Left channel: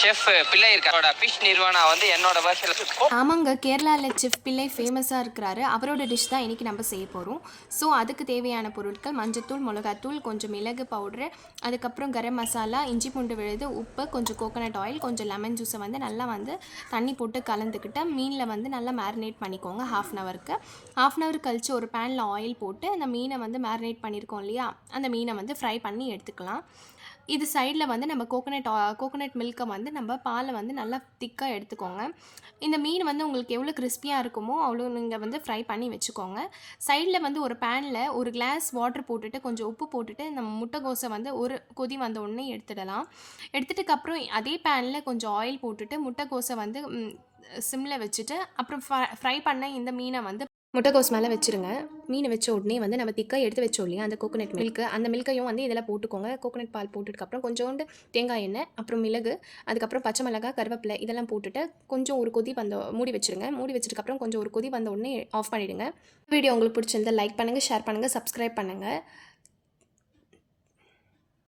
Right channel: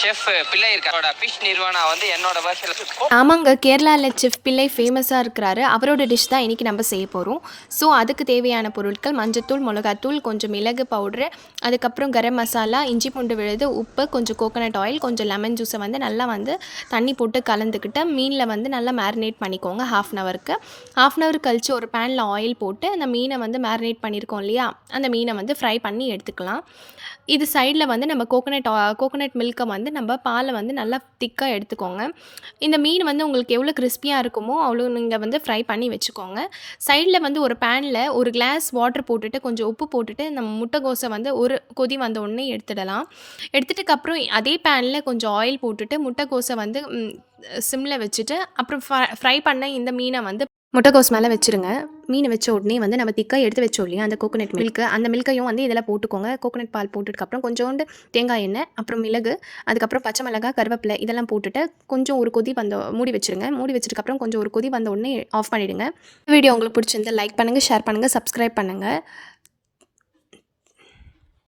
Chef பிள்ளை இருக்காரோட fish nirvana வந்து என்னோட வருஷத்தில். ஆமாங்க, கேரளாவில் செஃப் பிள்ளை ஃபேமஸாக இருக்கிறாரு. அவரோட டிஷ் தான் இன்றைக்கி நம்ம செய்ய போகிறோம். ஸோ அதுக்கு தேவையான பொருட்கள் மஞ்சத்தூள், மிளகாத்தூள், கொஞ்சம் மிளகு பவுட்ரு, அதுக்கப்புறம் கரம் மசாலா, இஞ்சி பூண்டு விழுது, உப்பு, கொஞ்சம் கோகோனட் ஆயில், கொஞ்சம் லெமன் ஜூஸை வந்து நல்லா வந்து தண்ணி போட்டு கலந்துக்கிட்டு மீனில் வந்து நல்லா மேரினேட் பண்ணிக்கோங்க. ஹாஃப் அன் ஹவர் கழித்து ஒரு பேனில் ஆயில் போட்டு அந்த மீனை வந்து மேரினேட் பண்ணியிருக்கோம் இல்லையா, அந்த மீனை வந்து ஃப்ரை பண்ணி எடுத்துக்கலாம். இது சைடில் வந்து நம்ம கோகோனட் மில்க்கை வந்து நம்ம பாலை வந்து நல்லா திக்காக எடுத்துக்கோங்க. இந்த மீன் வந்து உங்களுக்கு எவ்வளோ கிறிஸ்பியாக இருக்குமோ அவ்வளோ நீங்கள் வந்து ஃப்ரை பண்ணி வச்சுக்கோங்க. சைடில் வந்து ஒரு பேனில் ஒரு கிளாஸ் வாட்டர் போட்டுட்டு கொஞ்சம் உப்பு போட்டுட்டு நம்ம முட்டைக்கோஸை வந்து ஒரு கொதி வந்த உடனே எடுத்துடலாம். எடுத்துட்டுக்கப்புறம் அதே பேனில் கொஞ்சம் ஆயில் போட்டுட்டு முட்டைக்கோஸை வந்து சிம்மில் வச்சுட்டு அப்புறம் ஃப்ரை பண்ண இந்த மீனை வந்து முட்டைக்கோஸ் மேலே வச்சுருங்க. மீன் வச்ச உடனே வந்து நம்ம திக்காக எடுத்து வச்சோம் இல்லையா அந்த கோகோனட் மில்க்கு, அந்த மில்க்கையும் வந்து இதில் போட்டுக்கோங்க. கோகோனட் பால் போட்டதுக்கப்புறம் கொஞ்சோண்டு தேங்காய் எண்ணெய், அப்புறம் மிளகு, அதுக்கப்புறம் பச்சை மிளகாய், கருவேப்பிலை இதெல்லாம் போட்டுட்டு கொஞ்சம் ஒரு கொதி மூடி வச்சுருங்க. மூடி வச்சதுக்கப்புறம் கொஞ்சம் ஒரு கொதி வந்த உடனே ஆஃப் பண்ணிவிடுங்க. வீடியோ உங்களுக்கு பிடிச்சிருந்தா லைக் பண்ணுங்கள், ஷேர் பண்ணுங்கள், சப்ஸ்கிரைப் பண்ணுங்கள்.